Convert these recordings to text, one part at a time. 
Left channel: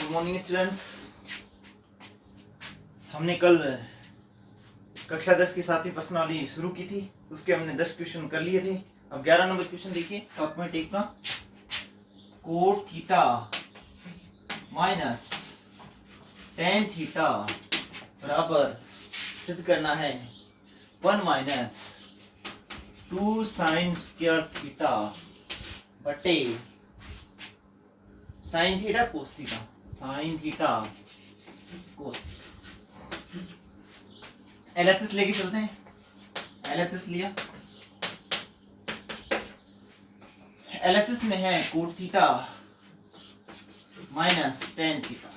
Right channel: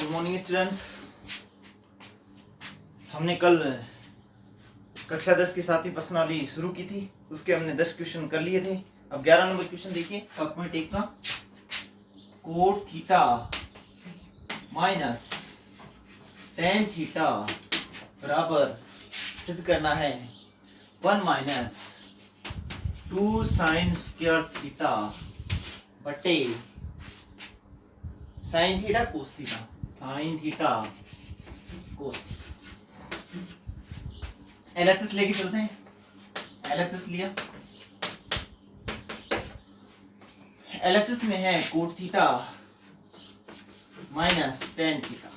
Good morning students. हमने कल कक्षा 10 की 7वीं प्रश्नावली शुरू की थी, उसके हमने 10 क्वेश्चन कर लिए थे। अब 11 नंबर क्वेश्चन देखिए 7.1 का। Cot theta minus tan theta बराबर सिद्ध करना है 1 माइनस 2 साइन स्क्वायर थीटा बटे sine theta cos theta, sine theta cos theta. LHS लेके चलते हैं। एलएचएस लिया, एलएचएस में है cot theta minus tan theta.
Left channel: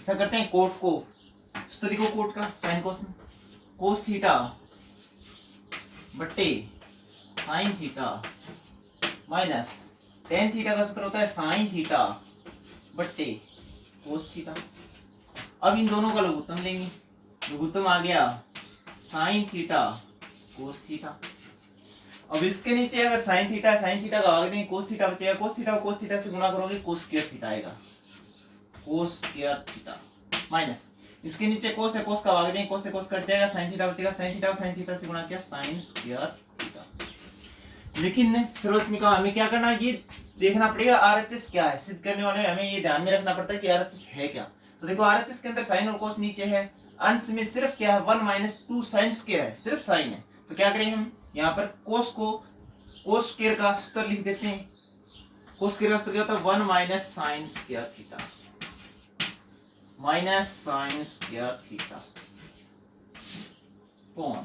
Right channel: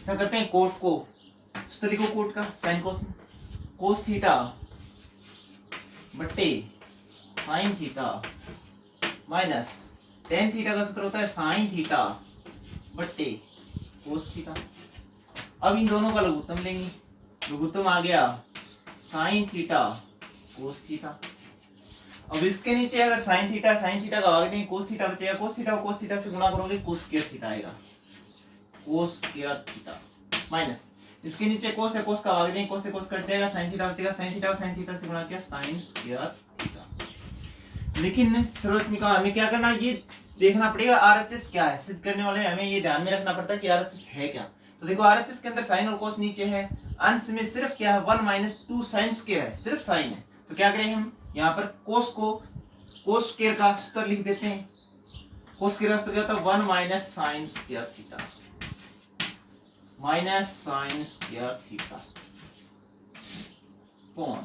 ऐसा करते हैं, कोट को सूत्र लिखो, कोट का साइन कोस थीटा बट्टे sign theta minus tan theta का सूत्र होता है साइन थीटा बट्टे कोस थीटा। अब इन दोनों का लघुत्तम लेंगे, लघुत्तम आ गया साइन थीटा कोस थीटा। अब इसके नीचे अगर साइन थीटा का भाग देंगे, कोस थीटा बचेगा, कोस थीटा को कोस थीटा से गुणा करोगे कोस स्क्वायर थीटा आएगा, कोस स्क्वायर थीटा माइनस इसके नीचे कोस है, कोस का भाग देंगे, कोस से कोस कट जाएगा, साइन थीटा बचेगा, साइन थीटा को साइन थीटा से गुणा किया साइन स्क्वायर थीटा। लेकिन सर्वस्मिका हमें क्या करना है, ये देखना पड़ेगा आरएचएस क्या है। सिद्ध करने वाले हमें ये ध्यान में रखना पड़ता है कि आरएचएस है क्या। तो देखो आरएचएस के अंदर साइन और कोस नीचे है, अंश में सिर्फ क्या है 1 माइनस 2 साइन स्क्वायर है, सिर्फ साइन है। तो क्या करें हम यहाँ पर कोस को कोस स्क्वायर का सूत्र लिख देते हैं। कोस स्क्वायर का सूत्र क्या होता है 1 minus sine square theta, minus sine square theta upon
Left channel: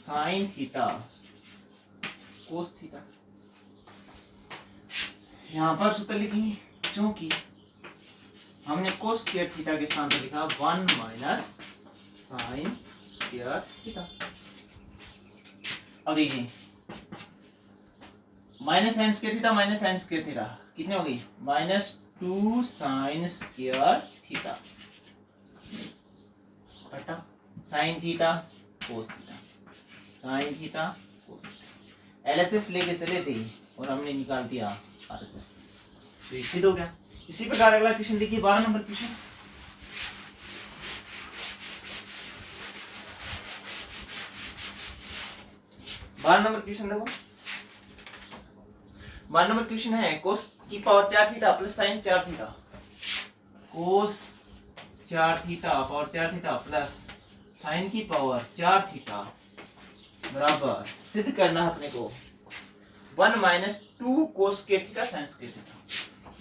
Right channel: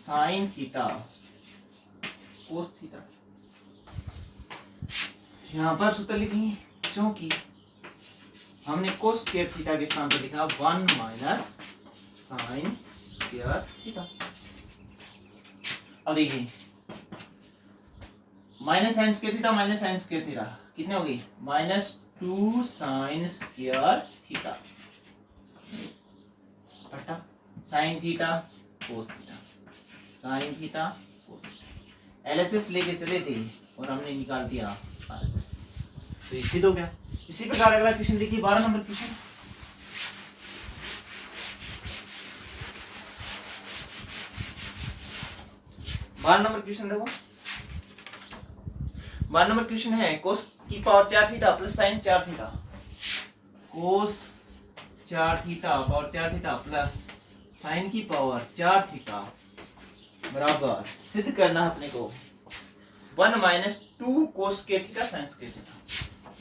sine theta cos theta. यहां पर सूत्र लिखेंगे, क्योंकि हमने कोस स्क्वायर थीटा के स्थान पर लिखा 1 माइनस साइन स्क्वायर थीटा। अब देखिए minus sine square theta minus sine square theta कितने हो गई, माइनस 2 साइन स्क्वायर थीटा बटा sign theta cos theta, sine theta cos theta. LHS लेके चले थे और हमने निकाल दिया आरएचएस, तो ये सिद्ध हो गया। इसी प्रकार अगला क्वेश्चन देखिए 12 नंबर क्वेश्चन। देखो 12 नंबर क्वेश्चन है कोस की power 4 theta plus sine 4 theta, cos 4 theta power 4 theta plus sine की पावर 4 थीटा बराबर सिद्ध करना है अपने को 1 minus 2 cos square theta sine square theta,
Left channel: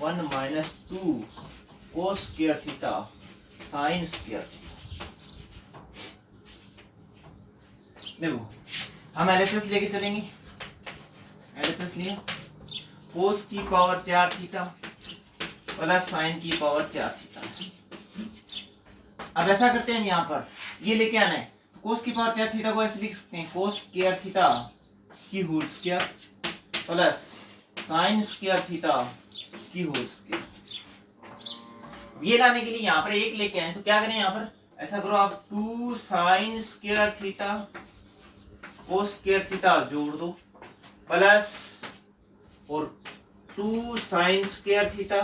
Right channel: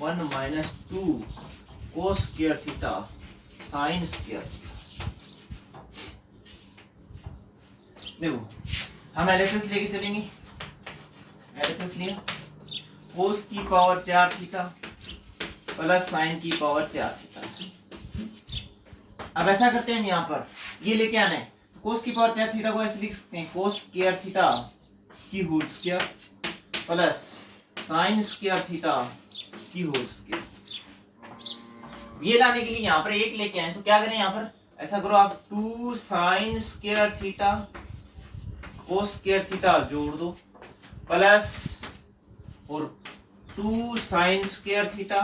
1 minus 2 cos square theta sine square theta. देखो हम एलएचएस लेके चलेंगे, एलएचएस लिया, कोस की पावर 4 थीटा प्लस साइन की पावर 4 थीटा। अब ऐसा करते हैं, हम यहाँ पर ये लेके आना है, तो कोस की पावर 4 थीटा को ऐसे लिख सकते हैं कोस स्क्वायर थीटा की whole square plus sine square theta की होल स्क्वायर। ये लाने के लिए यहाँ पर एक लेके आए, तो क्या करें यहाँ पर ऐसा करो आप 2 sine square theta cos square theta जोड़ दो प्लस और 2 sine square theta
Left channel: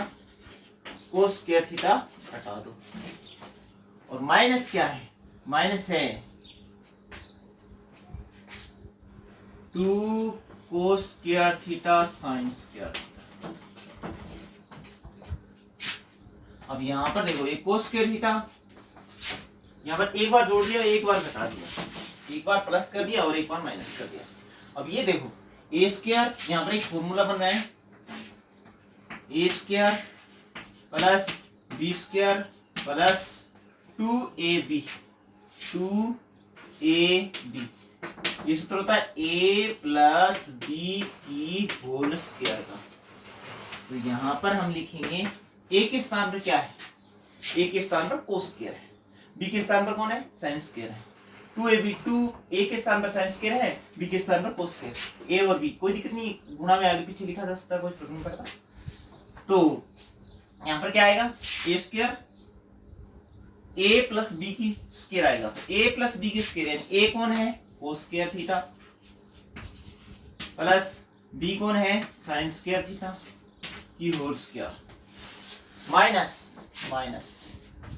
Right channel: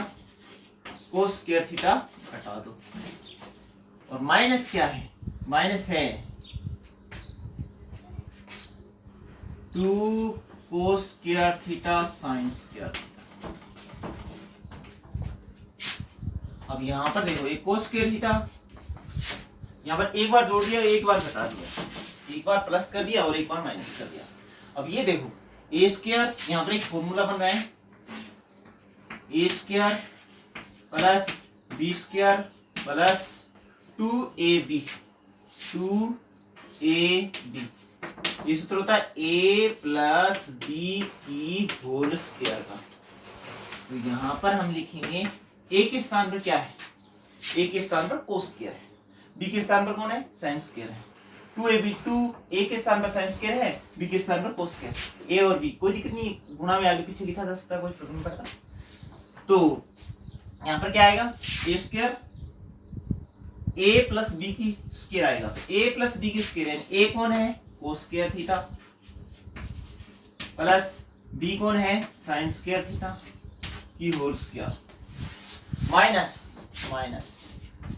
cos square theta हटा दो, और माइनस क्या है, माइनस है 2 cos square theta sine square theta. अब यहां पर देखो एक कोस स्क्वायर थीटा यहां पर एक बार जोड़ दिया, एक बार घटा दिया, एक बार प्लस कर दिया और एक बार माइनस कर दिया। अब ये देखो ए स्क्वायर, यहां पर एक फॉर्मूला बन रहा है A square plus B square plus 2ab, 2ab ये सूत्र होता है a प्लस बी की होल स्क्वायर का। तो यहां पर हम लिखेंगे a के स्थान पर क्या है, a के स्थान पर कोस स्क्वायर है, b के स्थान पर कौन है साइन स्क्वायर है, 2ab, 2a के स्थान पर साइन स्क्वायर है, b के स्थान पर कोस स्क्वायर, a और b कोई दिक्कत नहीं, गुणा में आगे पीछे लिखा जा सकता है, कोई फर्क नहीं पड़ता। तो यहां पर क्या आएगा a square a plus B की स्क्वायर आएगा, तो a प्लस बी की स्क्वायर यानी a कौन है cos square theta plus b कौन है साइन स्क्वायर थीटा की whole square. Minus minus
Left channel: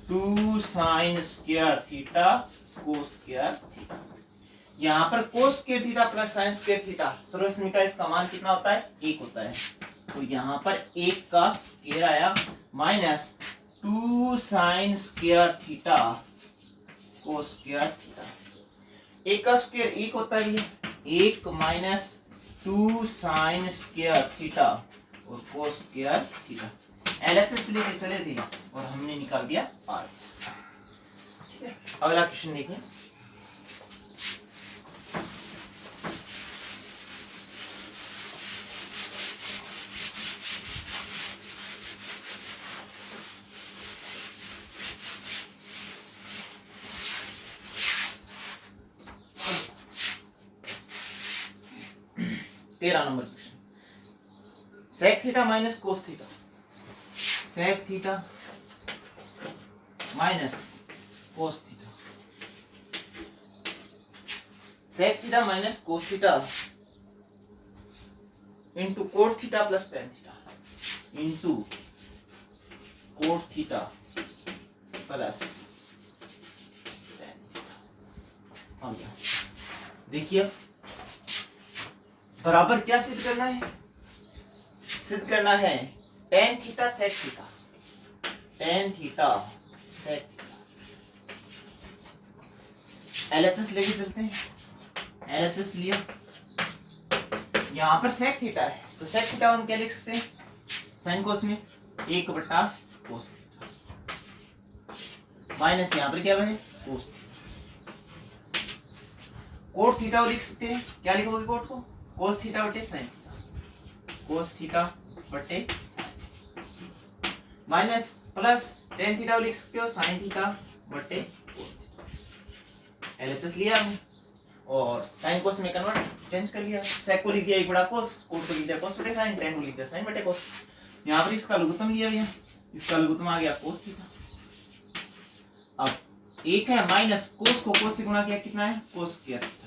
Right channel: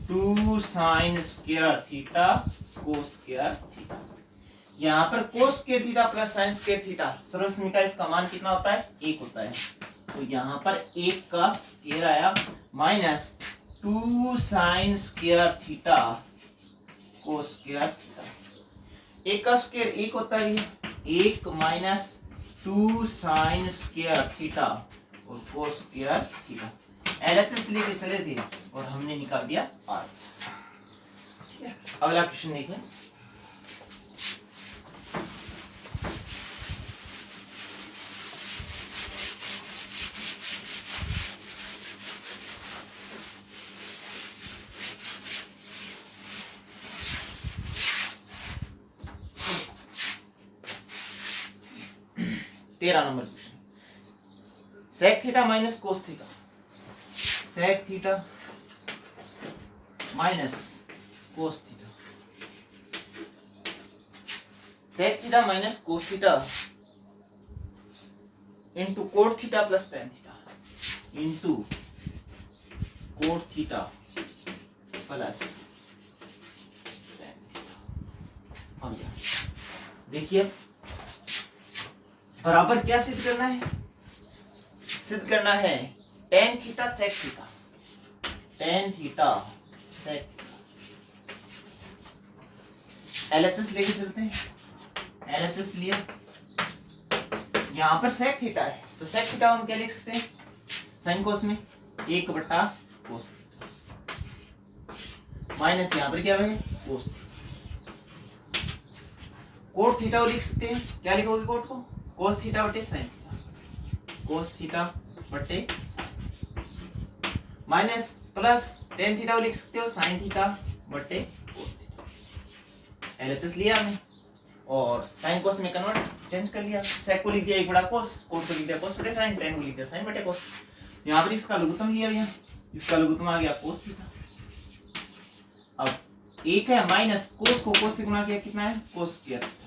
2 sine square theta cos square theta. यहाँ पर cos square theta plus sine square theta सर्वसम्य का इसका मान कितना होता है? 1 होता है। तो यहाँ पर 1 का स्क्वायर आया minus 2 sine square theta cos square theta. 1 का स्क्वायर 1 होता है, 1 माइनस 2 साइन स्क्वायर थीटा और कोस स्क्वायर थीटा। एलएचएस लेके चले थे और हमने निकाल दिया आरएचएस। ठीक है, अगला क्वेश्चन देखें। तेरह नंबर question, sec theta minus cos theta, sec theta minus cos theta, sec theta minus cos theta into cot theta plus tan theta into cot theta plus tan theta. अब देखिए बराबर क्या सिद्ध करना है? सिद्ध करना है tan theta sec theta, tan theta sec theta. LHS लेके चलते हैं। एलएचएस लिया, यहां पर सेक थीटा है तो सेक थीटा हम क्या लिख सकते हैं? साइन कोस में 1 बटा कोस थीटा माइनस यहां पर क्या है? Cos theta. कोट थीटा को लिख सकते हैं, क्या लिखोगे कोट को? कोस थीटा बटे साइन थीटा, कोस थीटा बटे sine minus plus tan theta को लिख सकते हो साइन थीटा बटे कोस थीटा। एलएचएस लिया हमने और साइन कोस में कन्वर्ट चेंज कर लिया। सेक को लिख दिया 1 बटा कोस, कोट को लिख दिया कोस बटे साइन, टेन को लिख दिया साइन बटे कोस। यहाँ पर इसका लघुत्तम लिया गया, इसका लघुत्तम आ गया कोस थीटा। अब 1 है माइनस कोस को कोस से गुणा किया, कितना है? Cos square theta.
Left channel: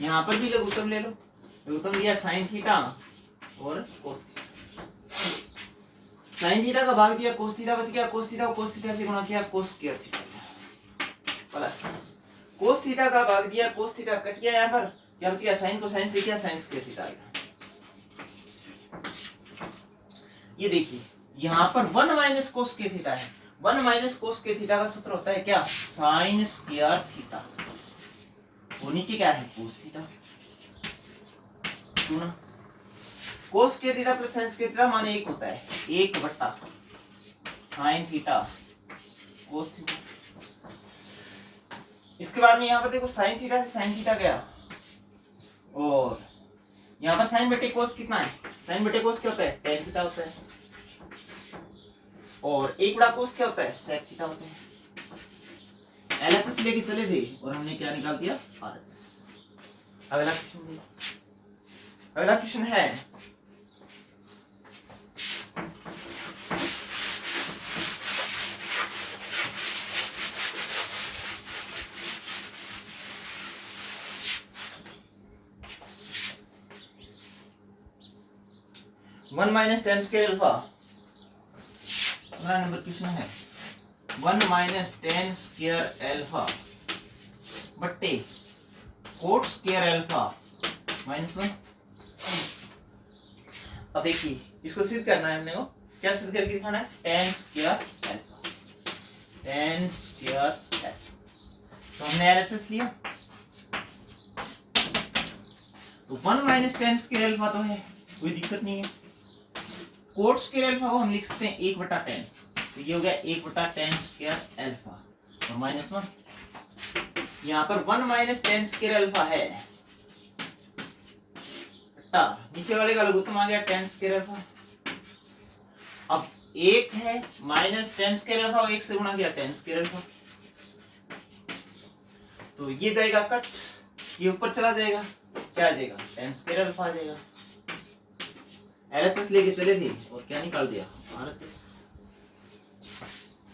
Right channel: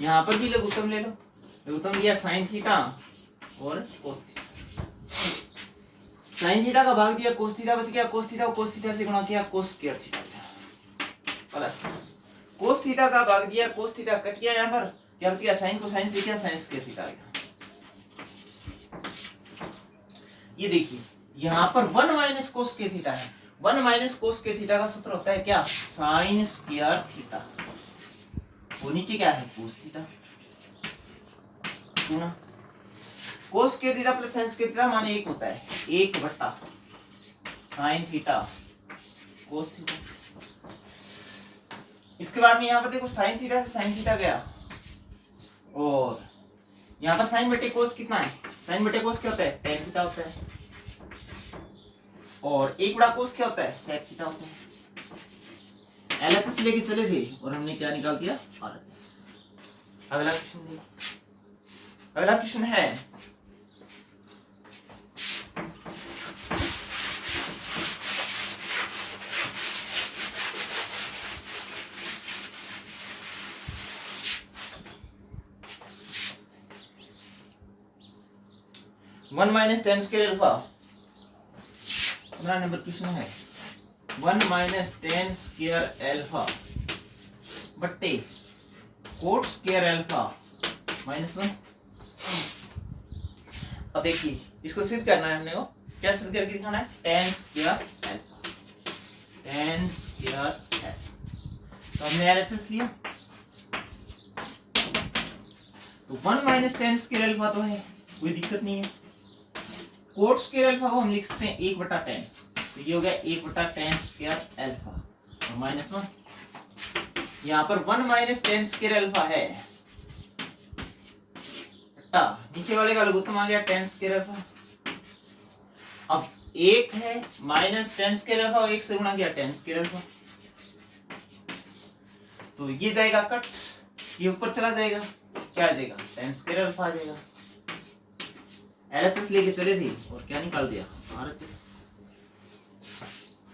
यहाँ पर भी लघुत्तम ले लो, लघुत्तम लिया साइन थीटा और कोस थीटा। साइन थीटा का भाग दिया कोस थीटा, बच गया कोस थीटा को कोस थीटा से गुणा किया कोस square theta plus cos theta का भाग दिया कोस थीटा, कट गया यहाँ पर क्या बच गया? साइन को साइन से किया साइन स्क्वायर थीटा आएगा। ये देखिए यहाँ पर 1 माइनस कोस स्क्वायर थीटा है, 1 माइनस कोस स्क्वायर थीटा का सूत्र होता है क्या? Sign square theta. वो नीचे क्या है? Cos theta. Cos square theta plus sine square theta माने 1 होता है, 1 बटा साइन थीटा कोस थीटा। इसके बाद में यहाँ पर देखो साइन थीटा से साइन थीटा गया और यहाँ पर साइन बटे कोस कितना है? साइन बटे कोस क्या होता है? टेन थीटा होता है और 1 बटा कोस क्या होता है? सेक थीटा होता है। एलएचएस लेके चले थे और हमने क्या निकाल दिया? आरएचएस। अगला क्वेश्चन देखिए, अगला क्वेश्चन है one minus ten square alpha. 15 number question है 1 माइनस टेन स्क्वायर अल्फा बट्टे कोट स्क्वायर अल्फा माइनस 1। अब देखिए इसको सिद्ध करना है हमने को, क्या सिद्ध करके दिखाना है? Ten square alpha, ten square alpha. तो हमने एलएचएस लिया तो 1 माइनस टेन स्क्वायर अल्फा तो है, कोई दिक्कत नहीं है। कोट स्क्वायर अल्फा को हम लिख सकते हैं 1 बटा 10, तो ये हो गया 1 बटा 10 स्क्वायर अल्फा और माइनस 1। यहाँ पर 1 माइनस 10 स्क्वायर अल्फा है, नीचे वाले का लघुत्तम आ गया 10 स्क्वायर अल्फा। अब 1 है माइनस 10 स्क्वायर अल्फा और 1 से गुणा किया 10 स्क्वायर अल्फा, तो ये जाएगा कट, ये ऊपर चला जाएगा, क्या आ जाएगा? 10 स्क्वायर अल्फा आ जाएगा। एलएचएस लेके चले थे और क्या निकाल दिया? आरएचएस।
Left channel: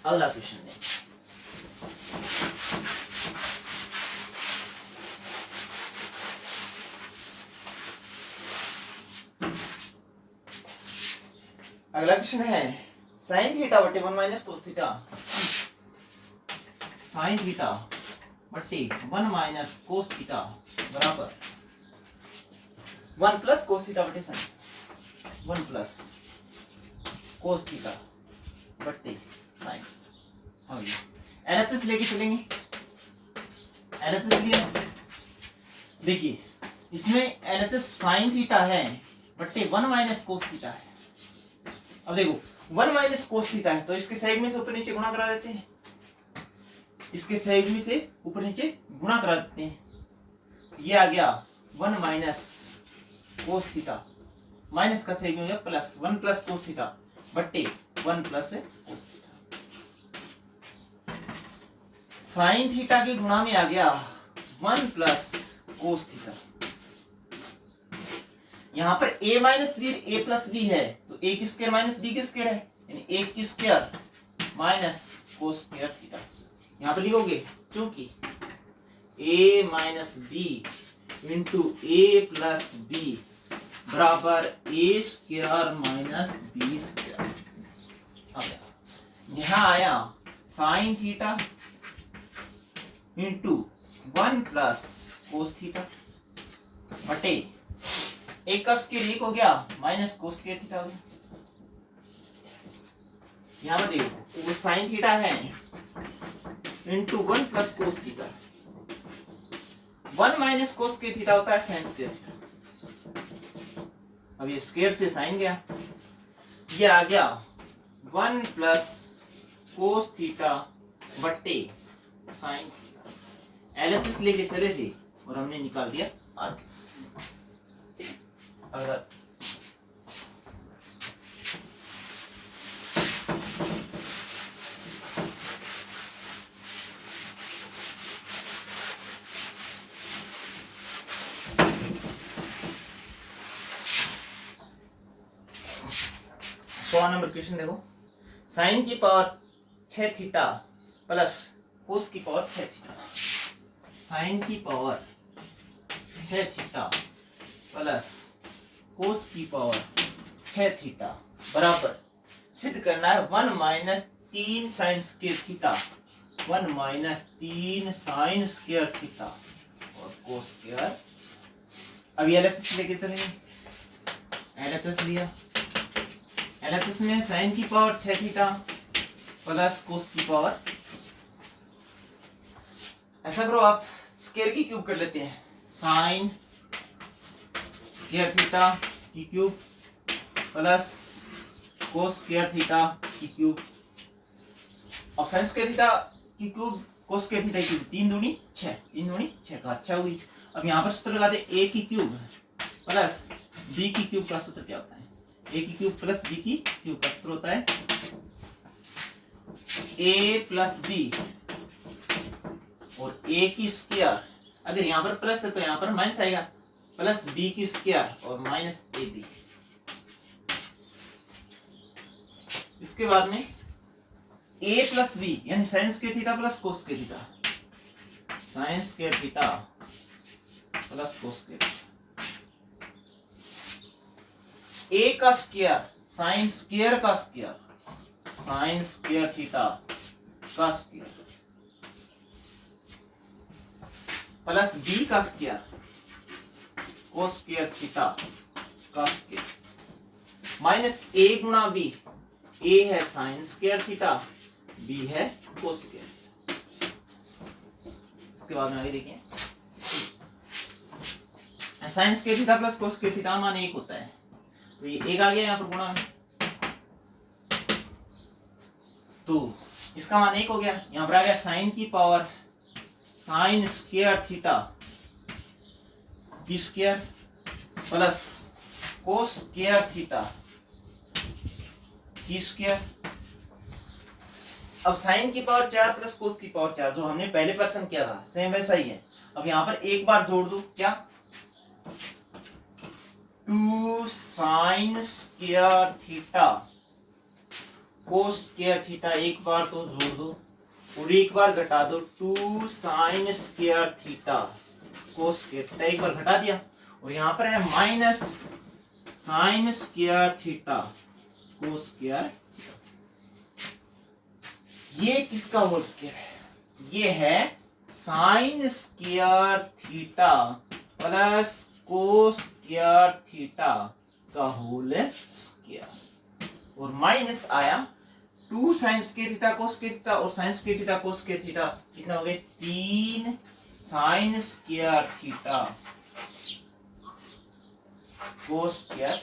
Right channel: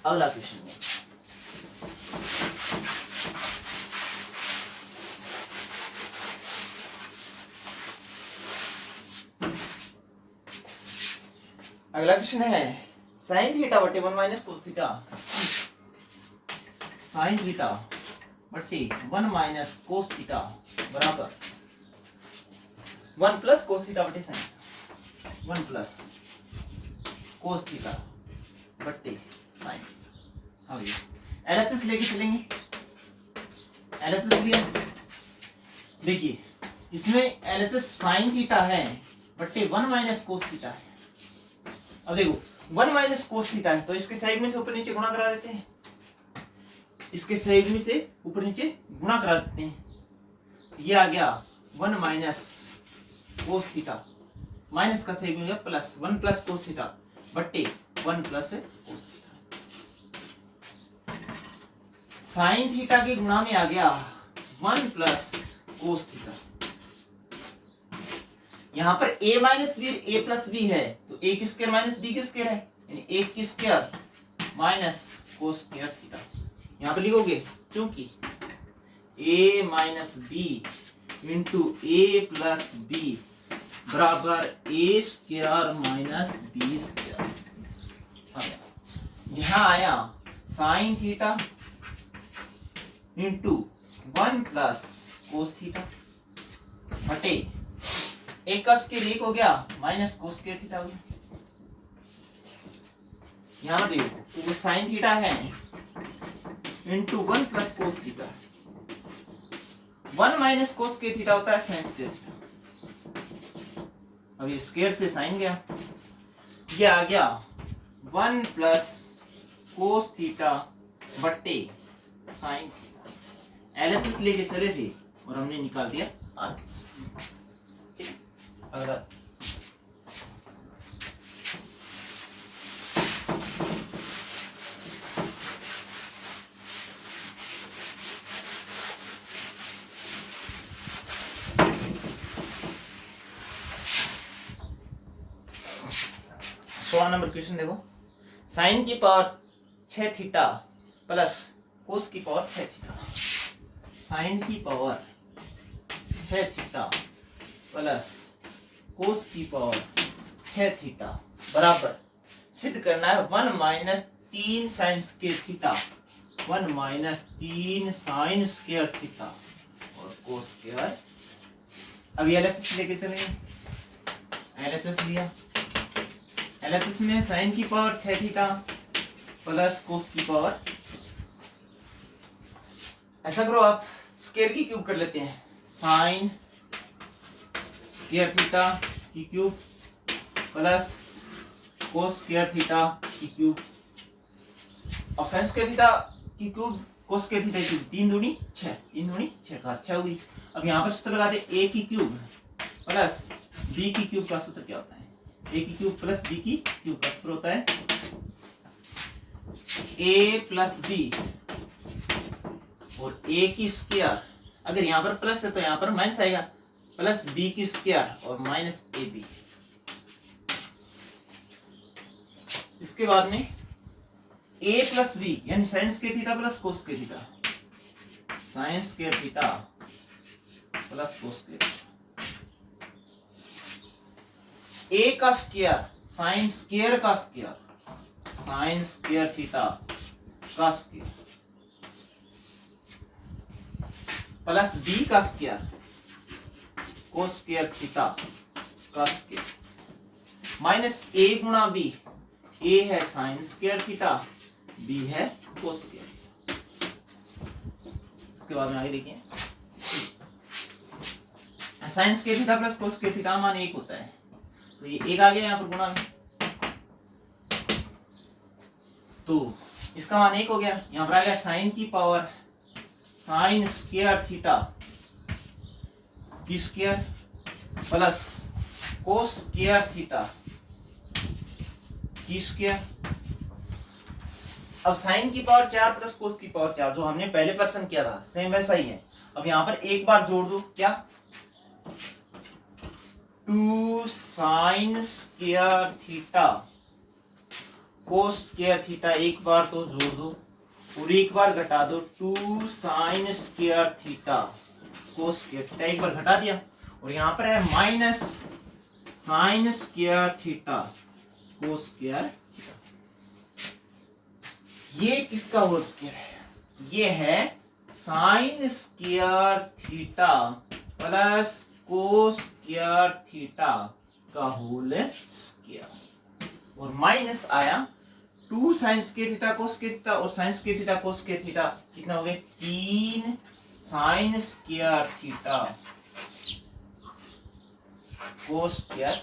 अगला क्वेश्चन है अगला क्वेश्चन है साइन थीटा बटे 1 minus cos theta. Sine theta बटे 1 माइनस कोस थीटा बराबर 1 प्लस कोस थीटा बटे साइन। 1 प्लस कोस थीटा बटे साइन। हाँ भैया एलएचएस लेके चलेंगे। एलएचएस लिया, देखिए इसमें एलएचएस साइन थीटा है बटे 1 माइनस कोस थीटा है। अब देखो 1 माइनस कोस थीटा है तो इसके साइड में से ऊपर नीचे गुणा करा देते हैं। इसके साइड में से ऊपर नीचे गुणा करा देते हैं। ये आ गया 1 माइनस कोस थीटा, माइनस का साइड में हो गया प्लस 1 प्लस कोस थीटा बट्टे 1 plus cos theta. Sine theta के गुणा में आ गया 1 प्लस कोस थीटा। यहां पर a minus b a plus b है तो a की स्क्वायर माइनस b की स्क्वायर है, यानी a की square minus cos square theta. यहां पर लिखोगे क्योंकि a minus b into a plus b बराबर a square minus b square. यहां आया sine theta into 1 plus cos theta बटे एक का स्क्वायर 1 हो गया माइनस कोस स्क्वायर थीटा हो गया। यहां देखो वो साइन थीटा है into 1 plus cos theta. 1 minus cos square theta होता है साइन स्क्वायर थीटा। अब ये स्क्वायर से साइन गया, ये आ गया 1 प्लस कोस थीटा बट्टे साइन थीटा। एलएचएस लेके चले थे और हमने निकाल दिया आरएचएस। अगला नंबर क्वेश्चन देखो, साइन की पावर 6 थीटा प्लस कोस की पावर 6 थीटा। साइन की पावर 6 थीटा प्लस कोस की पावर 6 थीटा बराबर सिद्ध करना है 1 minus 3 sine square theta. 1 minus 3 sine square theta और कोस स्क्वायर। अब एलएचएस लेके चलेंगे। एलएचएस लिया, एलएचएस में साइन की पावर 6 थीटा प्लस कोस की पावर। ऐसा करो आप स्क्वायर की क्यूब कर लेते हैं। साइन स्क्वायर थीटा की cube plus cos square theta की क्यूब। और साइन स्क्वायर थीटा की क्यूब कोस स्क्वायर थीटा की क्यूब 3 दूनी 6, 3 दूनी 6 का 6 हुई। अब यहाँ पर सूत्र लगा दे a की क्यूब प्लस b की क्यूब का सूत्र क्या होता है? a की क्यूब प्लस b की क्यूब का सूत्र होता है a प्लस b और a की स्क्वायर। अगर यहाँ पर प्लस है तो यहाँ पर माइनस आएगा, प्लस b की स्क्वायर और माइनस ab। इसके बाद में a प्लस b यानी sign square theta plus cos square theta. Sine square theta plus cos square. a का स्क्वायर साइन स्क्वायर का स्क्वायर, साइन स्क्वायर थीटा का स्क्वायर प्लस b का स्क्वायर कोस स्क्वायर थीटा का square minus a गुणा b। a है sine square theta, b है cos square. इसके बाद में आगे देखिए, sign square theta plus cos square theta मान 1 होता है तो ये 1 आ गया यहाँ पर गुणा में, तो इसका मान 1 हो गया। यहाँ पर आ गया साइन की पावर साइन स्क्वायर थीटा की square plus cos square theta की स्क्वायर। अब साइन की पावर 4 प्लस कोस की पावर 4 जो हमने पहले पर्सन किया था सेम वैसा ही है। अब यहाँ पर एक बार जोड़ दो, क्या 2 sine square theta cos square theta, एक बार तो जोड़ दो और एक बार घटा दो 2 sine square theta cos square theta, एक बार घटा दिया। और यहाँ पर है minus sine square theta cos square. ये किसका होल स्क्वायर है? ये है sine square theta plus cos square theta का होल स्क्वायर, और माइनस आया 2 sine square theta cos square theta, और sine square theta cos square theta कितना हो गया 3 sine square theta cos square.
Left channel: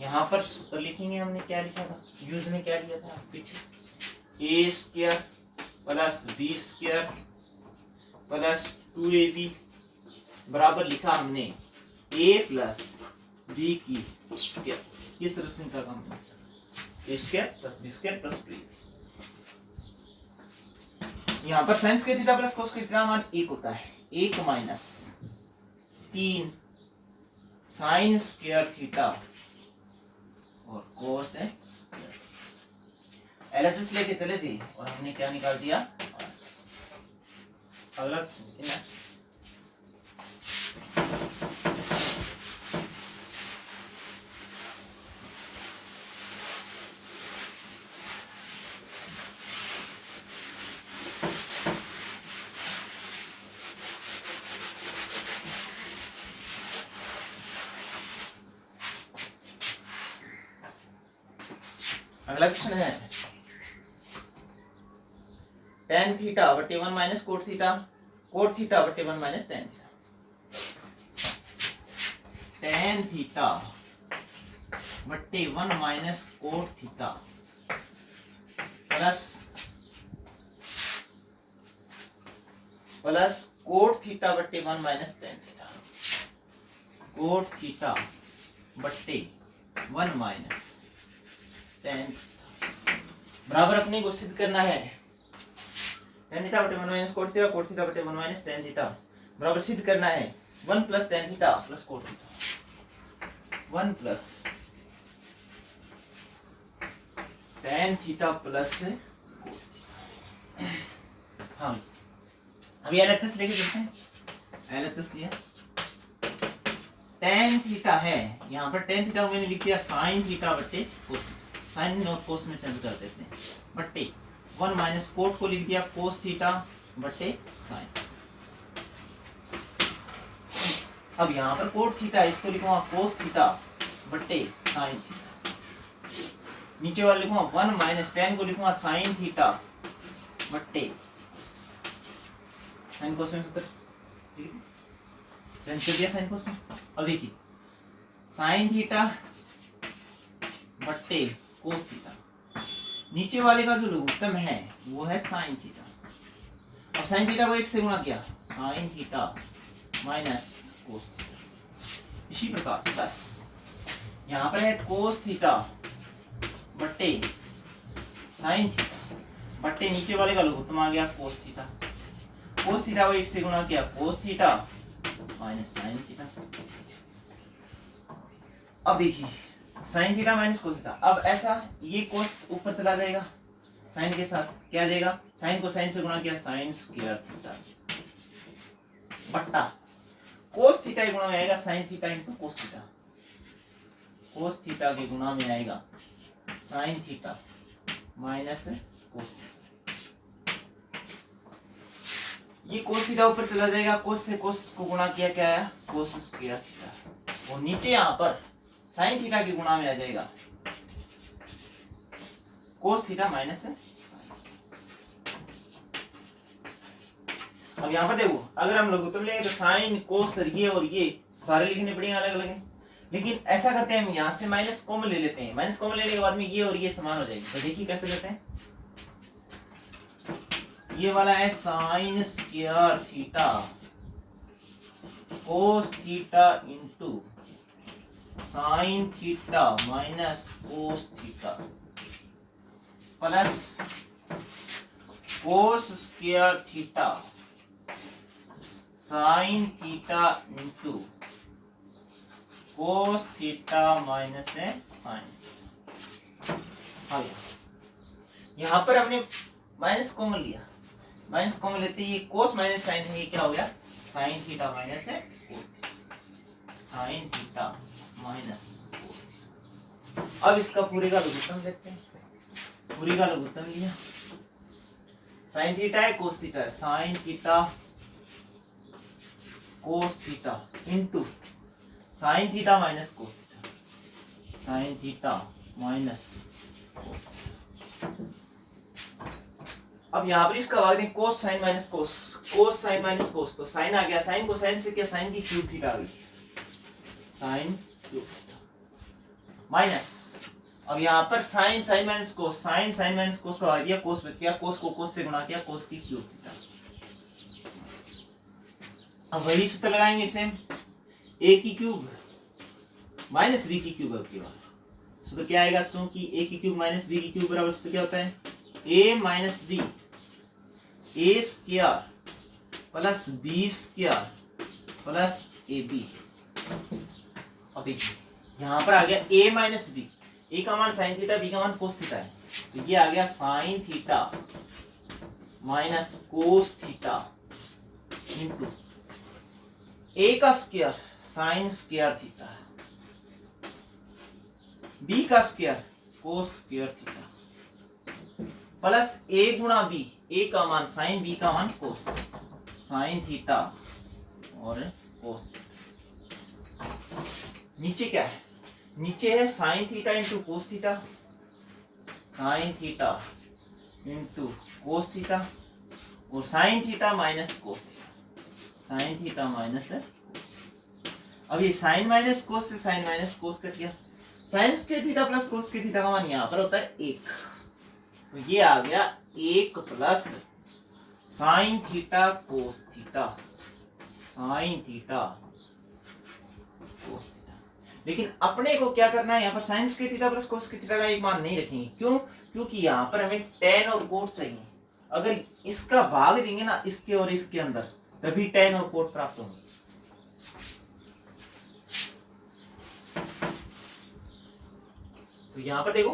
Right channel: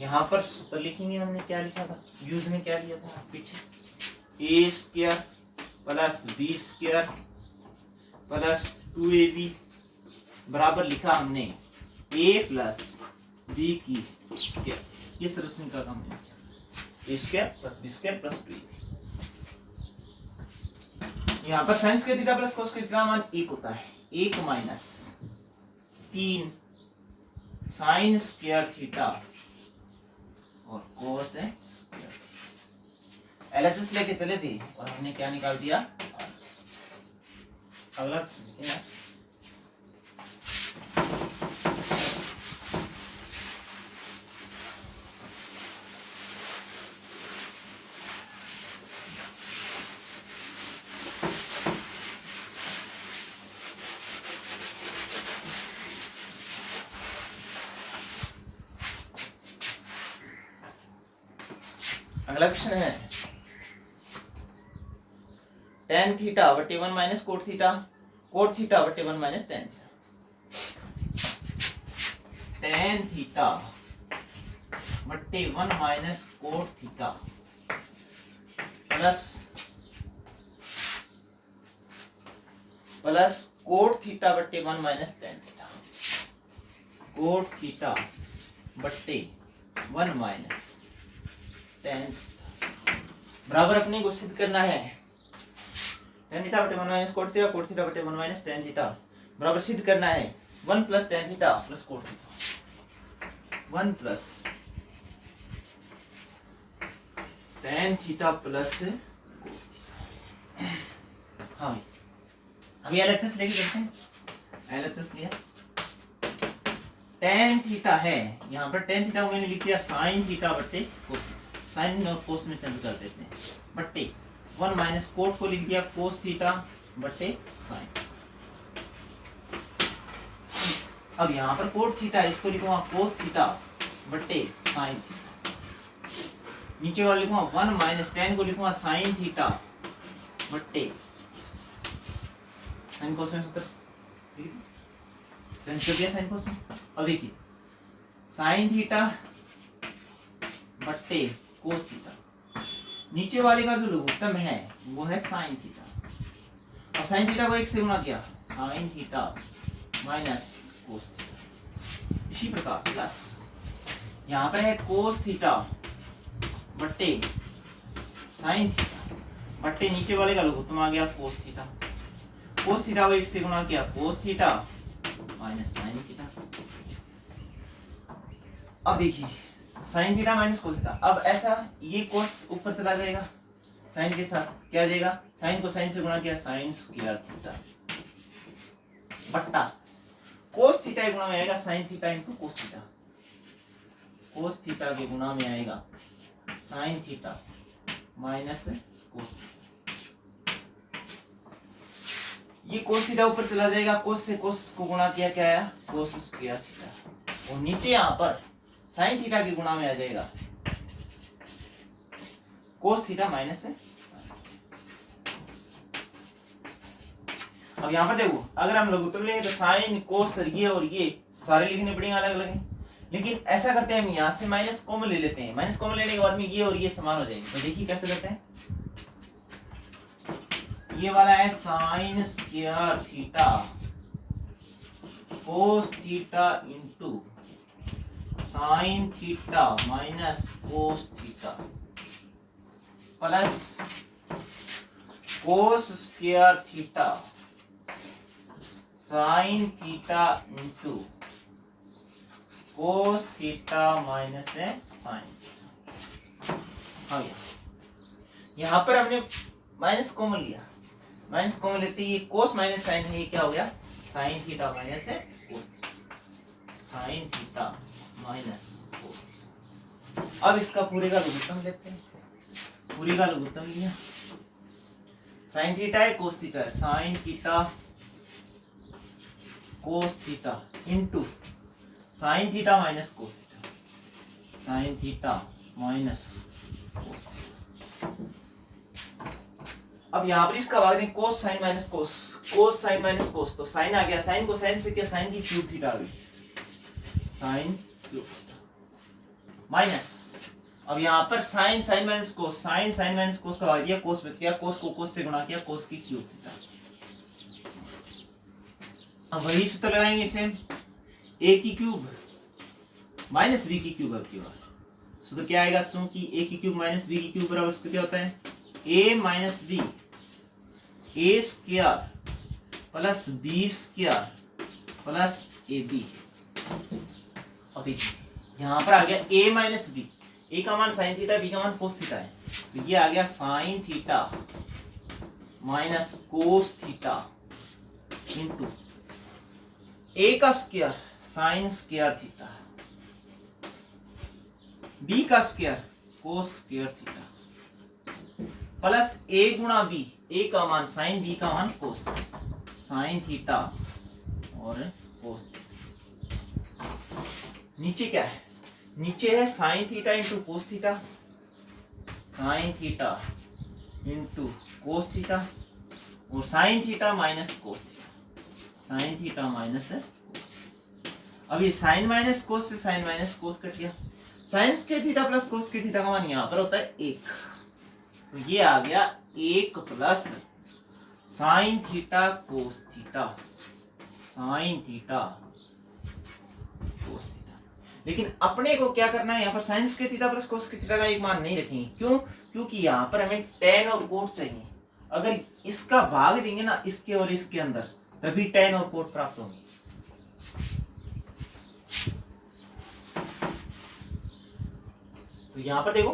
यहां पर सूत्र लिखेंगे, हमने क्या लिखा था, यूज में क्या लिया था पीछे, A square plus B square plus 2ab बराबर लिखा हमने a प्लस बी की स्क्वायर। ये सॉल्यूशन का काम है, A square plus B square plus 2ab। यहाँ पर sine square theta plus cos square theta मान 1 होता है, 1 माइनस 3 साइन स्क्वायर थीटा और कोस है एलएचएस लेके चले थे और हमने क्या निकाल दिया, अगला अगला क्वेश्चन है tan थीटा बटे 1 minus cot theta, cot theta बटे 1 minus tan theta. tan theta बटे 1 minus cot theta plus cot theta बटे 1 minus tan theta, cot theta बटे 1 माइनस tan थीटा बराबर अपने को सिद्ध करना है tan थीटा बटे 1 माइनस कोट थीटा बटे 1 माइनस tan थीटा बराबर सिद्ध करना है 1 plus tan theta plus cot theta, 1 plus tan theta plus cot theta. हाँ अभी एलएचएस लेके चलते हैं, एलएचएस लिया tan थीटा है, यहाँ पर tan थीटा मैंने लिख दिया sin थीटा बटे कोस, साइन और कोस में चेंज कर देते हैं, बटे 1 माइनस कोट को लिख दिया कोस थीटा बटे साइन। अब यहाँ पर कोट थीटा इसको लिखूंगा कोस थीटा बटे साइन थीटा, नीचे वाले लिखूंगा 1 माइनस tan को लिखूंगा साइन थीटा बटे साइन कोस में सूत्र चेंज कर दिया साइन कोस में। अब देखिए साइन थीटा बटे कोस थीटा, नीचे वाले का जो लघुत्तम है वो है साइन थीटा। अब साइन थीटा को 1 से गुणा किया sign theta minus cos theta, इसी प्रकार प्लस यहाँ पर है कोस थीटा बटे साइन थीटा बटे नीचे वाले का लघुत्तम आ गया कोस थीटा, कोस थीटा को 1 से गुणा किया cos theta minus sine theta. अब देखिए sign theta minus cos theta, अब ऐसा ये कोस ऊपर चला जाएगा साइन के साथ, क्या आ जाएगा साइन को साइन से गुणा किया साइन स्क्वायर थीटा बट्टा कोस थीटा के गुणा में आएगा sign theta into cos theta, cos theta के गुणा में आएगा sign theta minus cos theta. ये कोस थीटा ऊपर चला जाएगा, कोस से कोस को गुणा किया क्या आया कोस स्क्वायर थीटा, और नीचे यहाँ पर साइन थीटा के गुणा में आ जाएगा कोस थीटा माइनस है। अब यहाँ पर देखो अगर हम लघुत्तम लेंगे तो साइन कोस ये और ये सारे लिखने पड़ेंगे अलग अलग, लेकिन ऐसा करते हैं हम यहाँ से माइनस कॉमन ले लेते हैं, माइनस कॉमन लेने के बाद में ये और ये समान हो जाएंगे। तो देखिए कैसे करते हैं, ये वाला है sine square theta cos theta into sine theta minus cos theta plus cos square theta sine theta into cos theta minus sine theta. यहां पर हमने माइनस कॉमन लिया, माइनस कॉमन लेते ही कोस माइनस साइन है, ये क्या हो गया sine theta minus cos theta, sine theta minus cos theta. अब इसका पूरे का लघुत्तम लेते हैं, पूरे का लघुत्तम लिया, साइन थीटा है कोस थीटा है, sine theta cos theta into sine theta minus cos theta, sine theta minus cos theta. अब यहाँ पर इसका भाग दें, कोस साइन माइनस कोस, कोस साइन माइनस कोस, तो साइन आ गया, साइन को साइन से क्या, साइन की क्यूब थीटा आ गई, साइन क्यूब थीटा माइनस, अब यहाँ पर sine sine minus cos, sine sine minus cos का भाग दिया, कोस बच गया, कोस को कोस से गुणा किया, कोस की क्यूब थीटा। अब वही सूत्र लगाएंगे सेम, ए की क्यूब माइनस बी की क्यूब, अब की बार सूत्र क्या आएगा, चूंकि ए की क्यूब माइनस बी की क्यूब बराबर सूत्र क्या होता है, A minus B, A square plus B square plus A B. अब देखिए यहां पर आ गया ए माइनस बी, ए का मान साइन थीटा, बी का मान कोस थीटा है, तो ये आ गया sine theta minus cos theta into A का square sine square theta, B का square cos square theta plus A गुणा बी, ए का मान साइन, बी का मान कोस, साइन थीटा और कोस थीटा। नीचे क्या है, नीचे है sine theta into cos theta, sine theta into cos theta और sine theta minus cos theta, sine theta minus. अब ये साइन माइनस कोस से साइन माइनस कोस कट गया, sine square theta plus cos square theta का मान यहाँ पर होता है 1, तो ये आ गया 1 plus sign theta cos theta, sine theta cos theta. लेकिन अपने को क्या करना है, यहाँ पर sine square theta plus cos square theta का एक मान नहीं रखेंगे, क्यों, क्योंकि यहाँ पर हमें tan और कोट चाहिए, अगर इसका भाग देंगे ना इसके और इसके अंदर, तभी tan और कोट प्राप्त होंगे। तो यहाँ पर देखो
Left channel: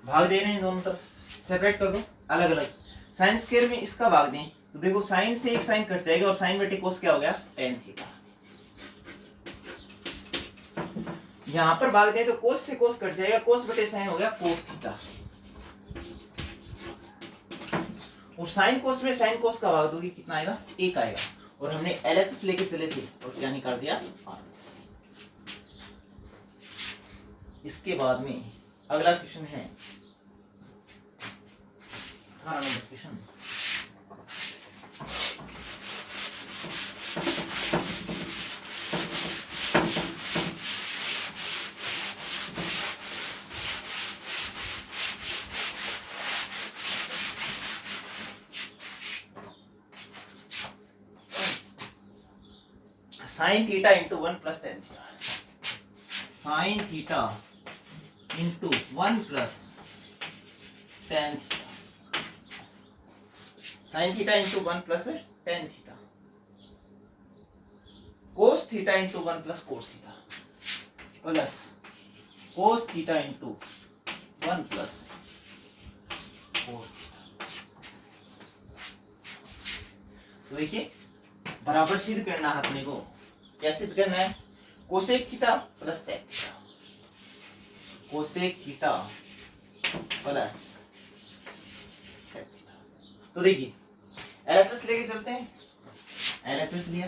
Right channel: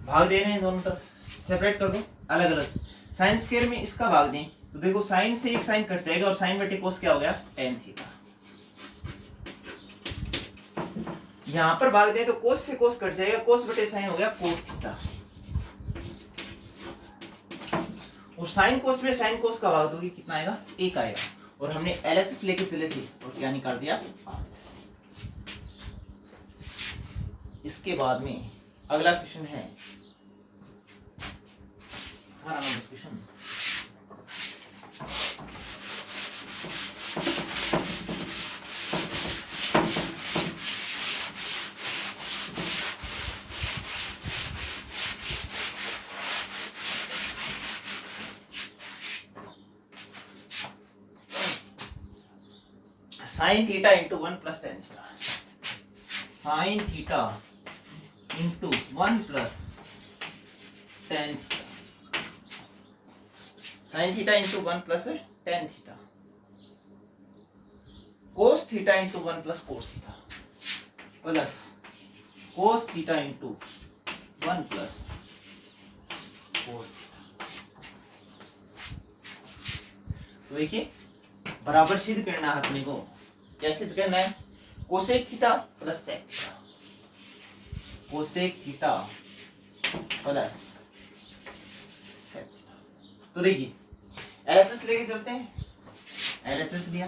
भाग दे रहे हैं दोनों तरफ, सेपरेट कर दो अलग अलग, साइन स्क्वायर में इसका भाग दें तो देखो साइन से एक साइन कट जाएगा और साइन बटे कोस क्या हो गया, tan थीटा। यहां पर भाग दें तो कोस से कोस कट जाएगा, कोस बटे साइन हो गया कोट थीटा, और साइन कोस में साइन कोस का भाग दोगे कितना आएगा, 1 आएगा, और हमने LHS लेके चले थे और क्या निकाल दिया 5। इसके बाद में अगला क्वेश्चन है 18 number question, sign theta into 1 plus tan theta, sine theta into 1 plus tan theta, sine theta into 1 plus tan theta, cos theta into 1 plus cos theta plus cos theta into 1 plus cos theta. तो देखिए बराबर सिद्ध करना है अपने को, कैसे सिद्ध करना है, cosec theta plus sec theta, cosec theta plus sec theta. तो देखिए LHS लेके चलते हैं, LHS लिया,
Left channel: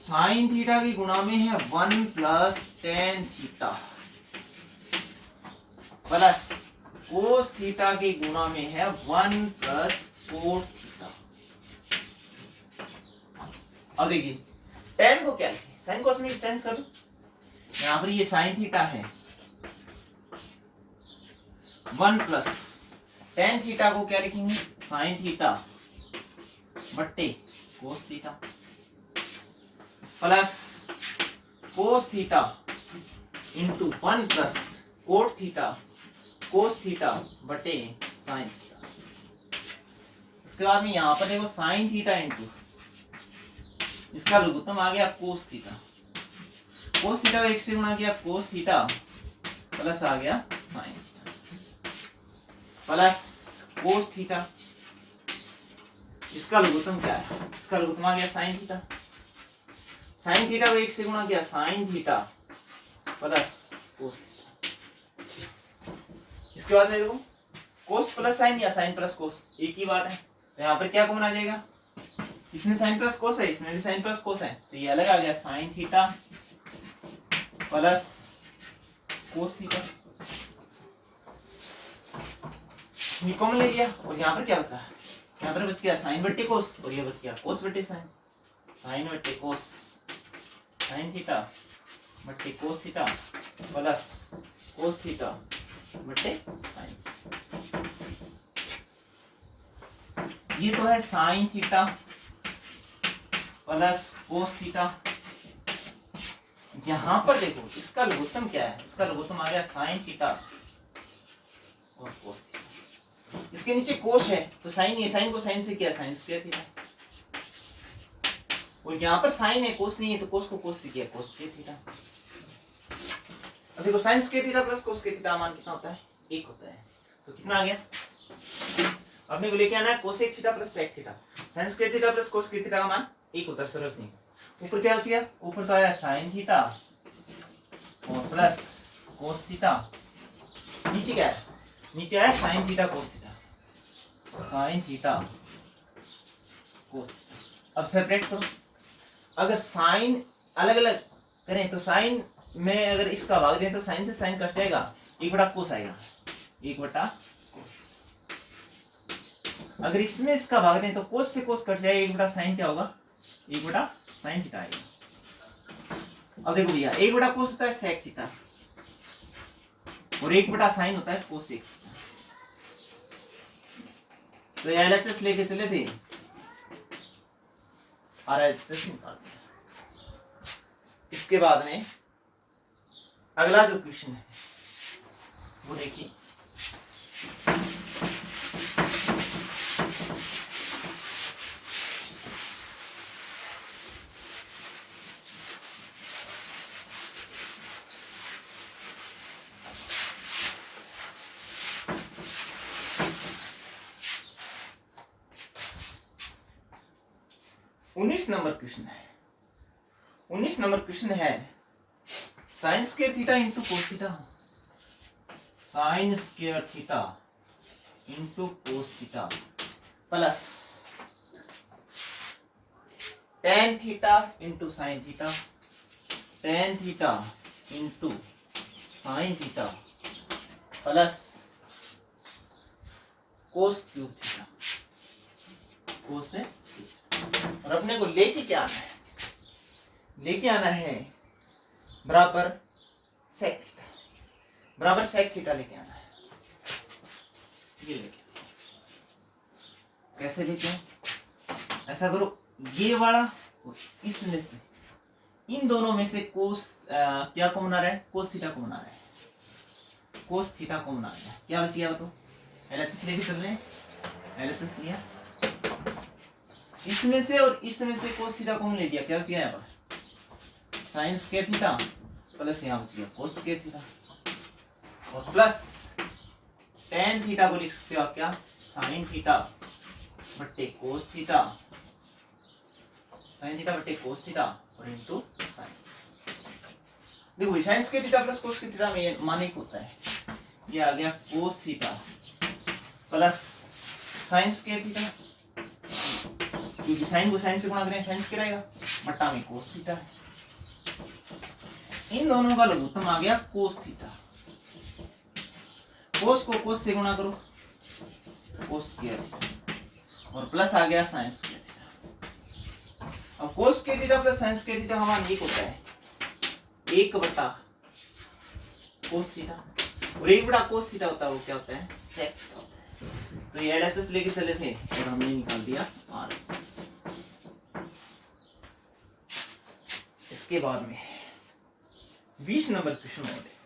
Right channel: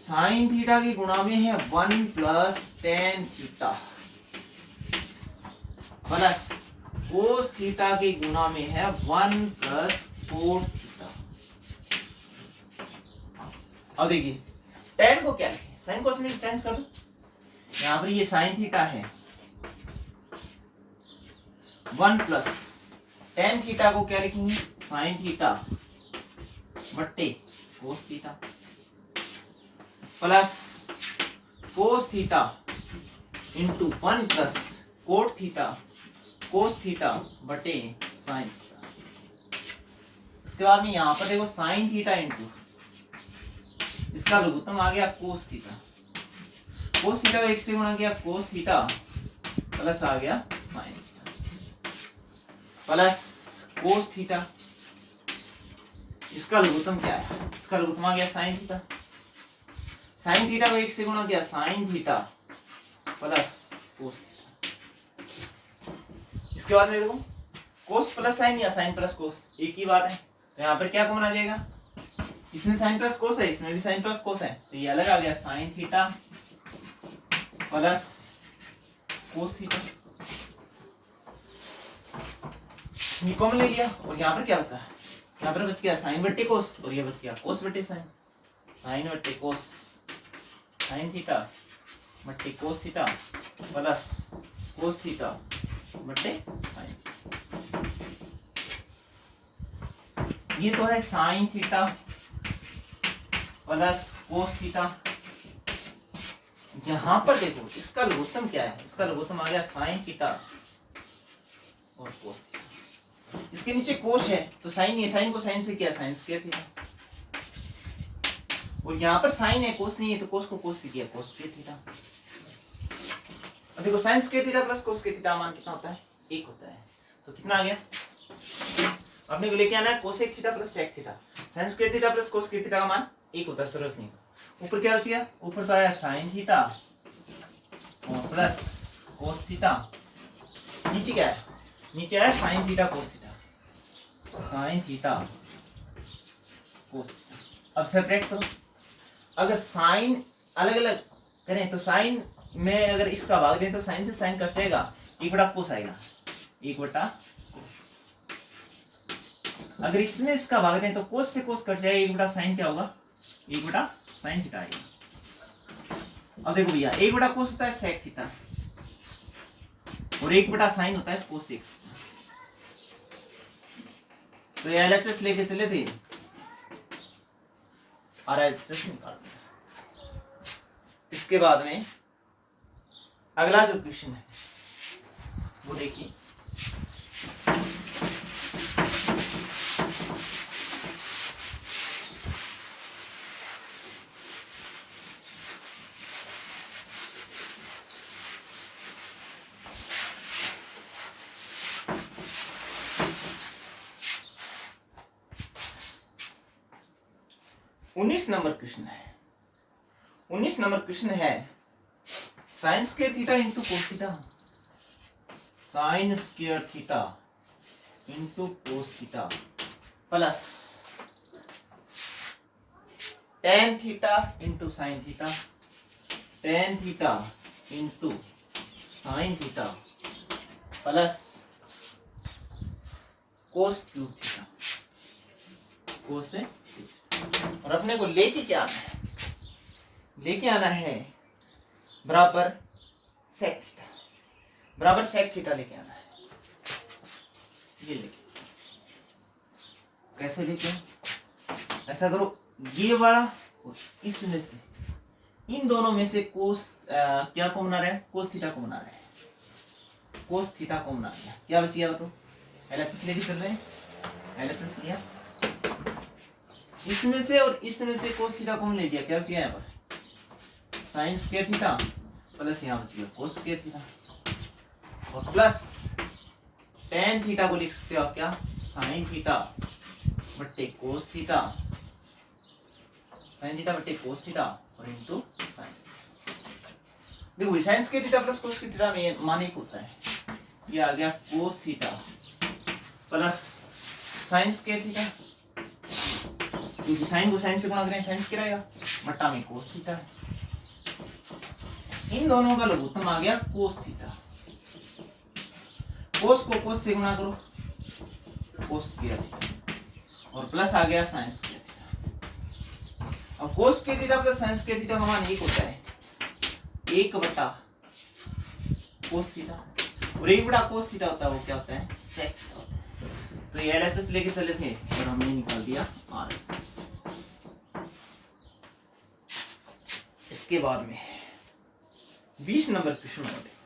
साइन थीटा की गुणा में है 1 plus tan theta plus cos theta की गुणा में है 1 प्लस कोट थीटा। अब देखिए tan को क्या लिखें, साइन कोस में चेंज कर लो, यहां पर ये साइन थीटा है 1 प्लस tan थीटा को क्या लिखेंगे, साइन थीटा बट्टे कोस theta plus cos theta into 1 plus cot theta cos theta बटे साइन थीटा। इसके बाद में यहां पर देखो साइन थीटा इंटू इसका लघुत्तम आ गया कोस थीटा, कोस थीटा को 1 से गुणा किया, कोस थीटा प्लस आ गया sine theta plus cos theta, इसका लघुत्तम क्या है, इसका लघुत्तम आ गया साइन थीटा, साइन थीटा को 1 से गुणा किया, sign theta plus cos theta. इसके बाद में देखो कोस प्लस साइन या साइन प्लस कोस एक ही बात है, तो यहाँ पर क्या कॉमन आ जाएगा, इसमें साइन प्लस कोस है, इसमें भी साइन प्लस कोस है, तो ये अलग आ गया sine theta plus cos theta, ये कॉमन ले लिया। और यहाँ पर क्या बचा, यहाँ पर बच गया साइन बट्टे कोस और ये बच गया कोस बट्टे साइन, साइन बट्टे कोस साइन थीटा बट्टे कोस थीटा प्लस कोस थीटा बट्टे साइन थीटा। ये तो है sine theta plus cos theta. यहां पर देखो इसका लघुत्तम क्या है, इसका लघुत्तम आ गया साइन थीटा और कोस थीटा। इसके नीचे कोस है तो साइन है, साइन को साइन से किया साइन स्क्वायर थीटा, और यहाँ पर साइन है कोस नहीं है तो कोस को कोस से किया कोस स्क्वायर थीटा। अब देखो sign square theta plus cos square theta मान कितना होता है, 1 होता है, तो कितना आ गया, अपने को लेके आना है cosec theta plus sec theta. Sine square theta plus cos square theta का मान 1 होता है, सरस नहीं। ऊपर क्या बच गया, ऊपर तो आया साइन थीटा और प्लस कोस थीटा, नीचे क्या है, नीचे आया sine theta cos theta, sine theta cos theta. अब सेपरेट करो, अगर साइन अलग अलग करें तो साइन में अगर इसका भाग दें तो साइन से साइन कट जाएगा, 1 कोस आएगा, 1 अगर इसमें इसका भाग दें तो कोस से कोस कट जाएगा, 1 साइन क्या होगा, 1 साइन थीटा आएगा। अब देखो भैया 1 कोस होता है सेक थीटा और 1 साइन होता है कोसेक। तो ये एलएचएस लेके चले थे, आरएचएस निकाल दिया। इसके बाद में अगला जो क्वेश्चन है वो देखिए, उन्नीस नंबर क्वेश्चन है। 19 नंबर क्वेश्चन है sine square theta into cos theta, sine square theta into cos theta plus tan theta into sine theta, tan theta into sine theta plus cos cube theta, cos से। और अपने को लेके क्या आना है, लेके आना है बराबर सेक थीटा, बराबर सेक थीटा लेके आना है। ये लेके कैसे लेके, ऐसा करो, ये वाला और इसमें से, इन दोनों में से कोस क्या कॉमन आ रहा है, कोस थीटा कॉमन आ रहा है, कोस थीटा कॉमन आ गया, क्या बच गया तो एलएचएस लेके चल रहे हैं, एलएचएस लिया, इसमें से और इसमें से कोस थीटा कॉमन ले लिया, क्या बच गया यहाँ पर साइन स्क्वायर थीटा प्लस यहाँ बच गया कोस स्क्वायर थीटा और प्लस टेन थीटा को लिख सकते हो आप क्या, साइन थीटा बट्टे कोस थीटा, साइन थीटा बट्टे कोस थीटा और इनटू साइन। देखो sign square theta plus cos square theta में मान 1 होता है, ये आ गया कोस theta plus sine square theta, क्योंकि साइन को साइन से गुणा करें साइन स्क्वायर आएगा, बट्टा में कोस थीटा, इन दोनों का लघुत्तम आ गया कोस थीटा, कोस को कोस से गुणा करो कोस स्क्वायर थीटा और प्लस आ गया साइन स्क्वायर थीटा। अब कोस square theta plus sine square theta का मान 1 होता है, 1 बटा कोस थीटा, और 1 बटा कोस थीटा होता है वो क्या होता है, सेक थीटा होता है। तो ये एलएचएस लेके चले थे और हमने निकाल दिया आरएचएस। इसके बाद में 20 नंबर क्वेश्चन होते,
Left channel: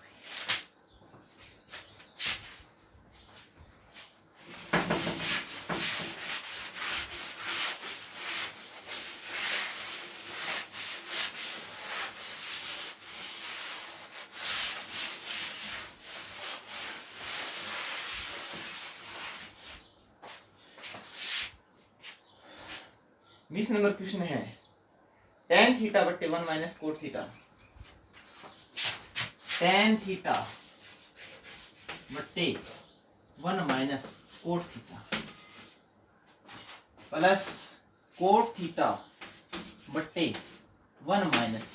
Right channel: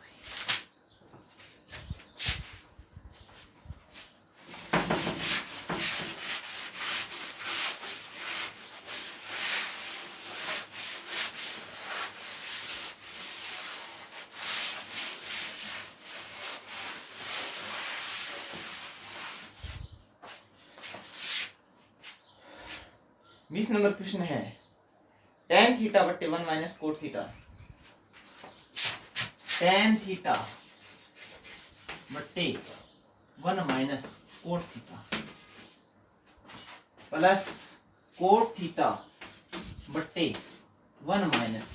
बीस नंबर क्वेश्चन है टेन थीटा बट्टे 1 minus cot theta tan theta बट्टे 1 minus cot theta plus cot theta बट्टे 1 माइनस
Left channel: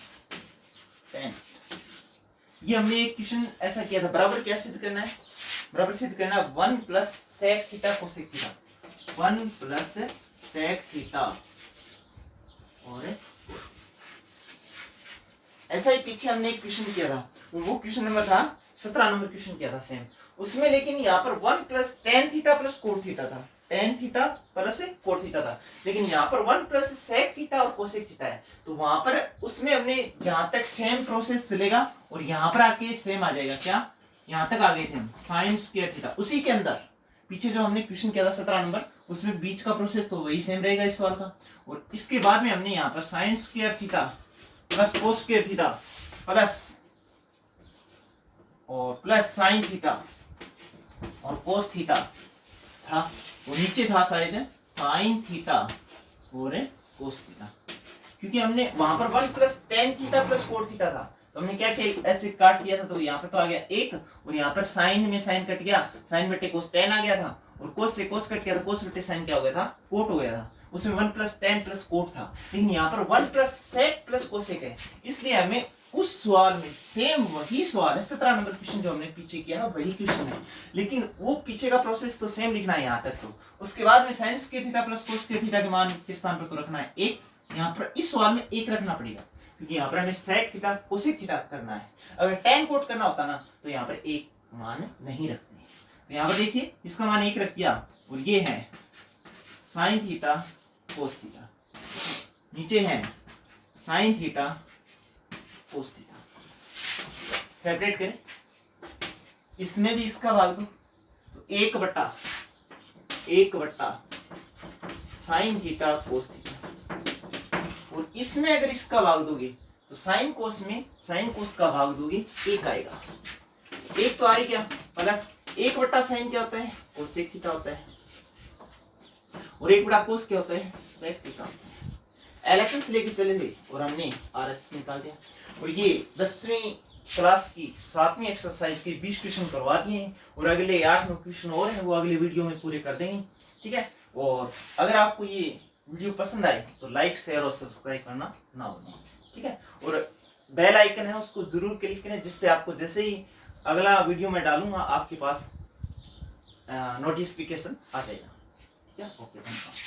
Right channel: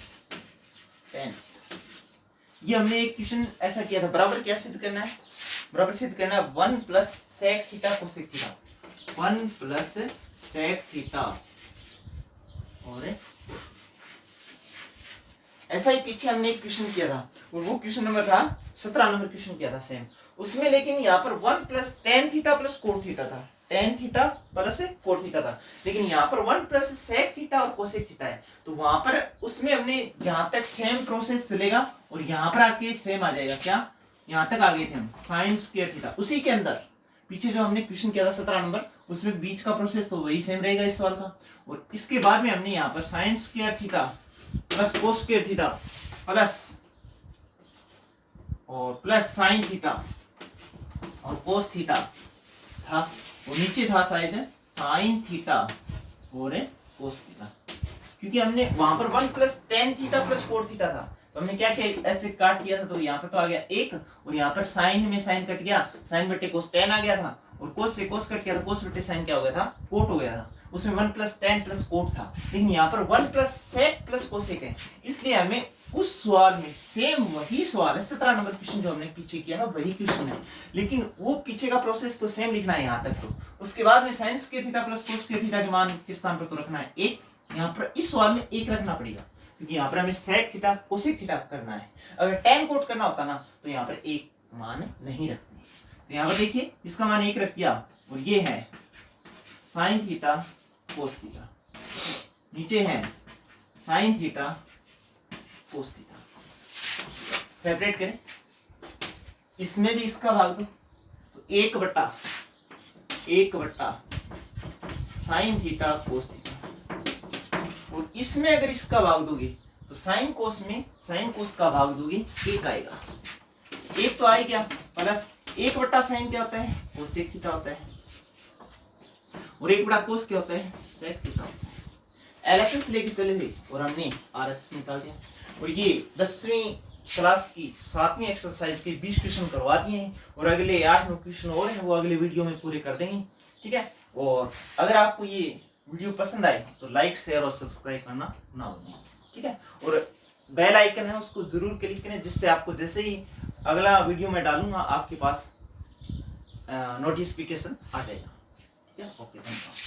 tan। ये हमने एक क्वेश्चन ऐसा किया था। बराबर क्या सिद्ध करना है? बराबर सिद्ध करना है 1 plus sec theta cosec theta, 1 plus sec theta और ऐसा ही पीछे हमने एक क्वेश्चन किया था, वो क्वेश्चन नंबर था 17 नंबर क्वेश्चन किया था सेम उसमें, लेकिन यहाँ पर 1 plus tan theta plus cot theta था, tan theta plus cot theta था, लेकिन यहाँ पर 1 प्लस सेक थीटा और कोसेक थीटा है। तो वहां पर उसमें हमने जहां तक सेम प्रोसेस चलेगा और यहाँ पर आके सेम आ जाएगा। क्या? यहाँ तक आ गए थे हम साइन स्क्वायर थीटा, उसी के अंदर पीछे जो हमने क्वेश्चन किया था 17 नंबर, उसमें बीच का प्रोसेस तो वही सेम रहेगा इस सवाल का। और इसके बाद में हमने यहाँ पर sine square theta plus cos square theta plus sine theta और कोस थीटा था, और नीचे था शायद साइन थीटा और कोस थीटा, क्योंकि हमने वहां पर 1 plus tan theta plus cot theta था, तो हमने क्या किया, ऐसे काट किया था, तो यहाँ पर तो आ गया 1, और यहाँ पर साइन में साइन कट गया, साइन बटे कोस टेन आ गया था, और कोस से कोस कट गया था, कोस बटे साइन क्या हो गया था, कोट हो गया था। उसमें 1 प्लस टेन प्लस कोट था, लेकिन यहाँ पर 1 प्लस सेक प्लस कोसेक है, इसलिए हमें उस सवाल में सेम वही सवाल है 17 नंबर क्वेश्चन जो हमने पीछे किया है वही क्वेश्चन है, लेकिन वो पीछे का प्रोसेस तो सेम लिखना है यहाँ तक। तो उसके बाद में sign square theta plus cos square theta के मान किस स्थान पर तो रखना है 1, यहाँ पर इस सवाल में 1 रखना पड़ेगा, क्योंकि यहाँ पर हमें सेक थीटा कोसेक थीटा करना है। अगर टेन कोट करना होता ना तो यहाँ पर 1 मान नहीं रखते। तो यहाँ पर देखिए इसका मान 1 रख दिया, और ये है साइन थीटा कोस थीटा, नीचे है sine theta cos theta, separate करें, इसमें भी इसका भाग दो तो 1 बट्टा साइन थीटा कोस थीटा, और इसमें अगर इसका भाग दोगे तो साइन कोस में साइन कोस का भाग दोगे 1 आएगा, 1 तो आए क्या, प्लस 1 बट्टा साइन क्या होता है, कोसेक थीटा होता है, और 1 बटा कोस क्या होता है, सेक थीटा होता है। एलएचएस लेके चले थे और हमने आरएचएस निकाल दिया, और ये 10वीं क्लास की 7वीं एक्सरसाइज के 20 क्वेश्चन करवा दिए हैं, और अगले 8 क्वेश्चन और हैं वो अगले वीडियो में पूरे कर देंगे, ठीक है। और अगर आपको ये वीडियो पसंद आए तो लाइक शेयर और सब्सक्राइब करना ना भूलें, ठीक है। और बेल आइकन है उसको जरूर क्लिक करें, जिससे आपको जैसे ही अगला वीडियो में डालूंगा आपके पास नोटिफिकेशन आ जाएगा, ठीक है। ओके, धन्यवाद।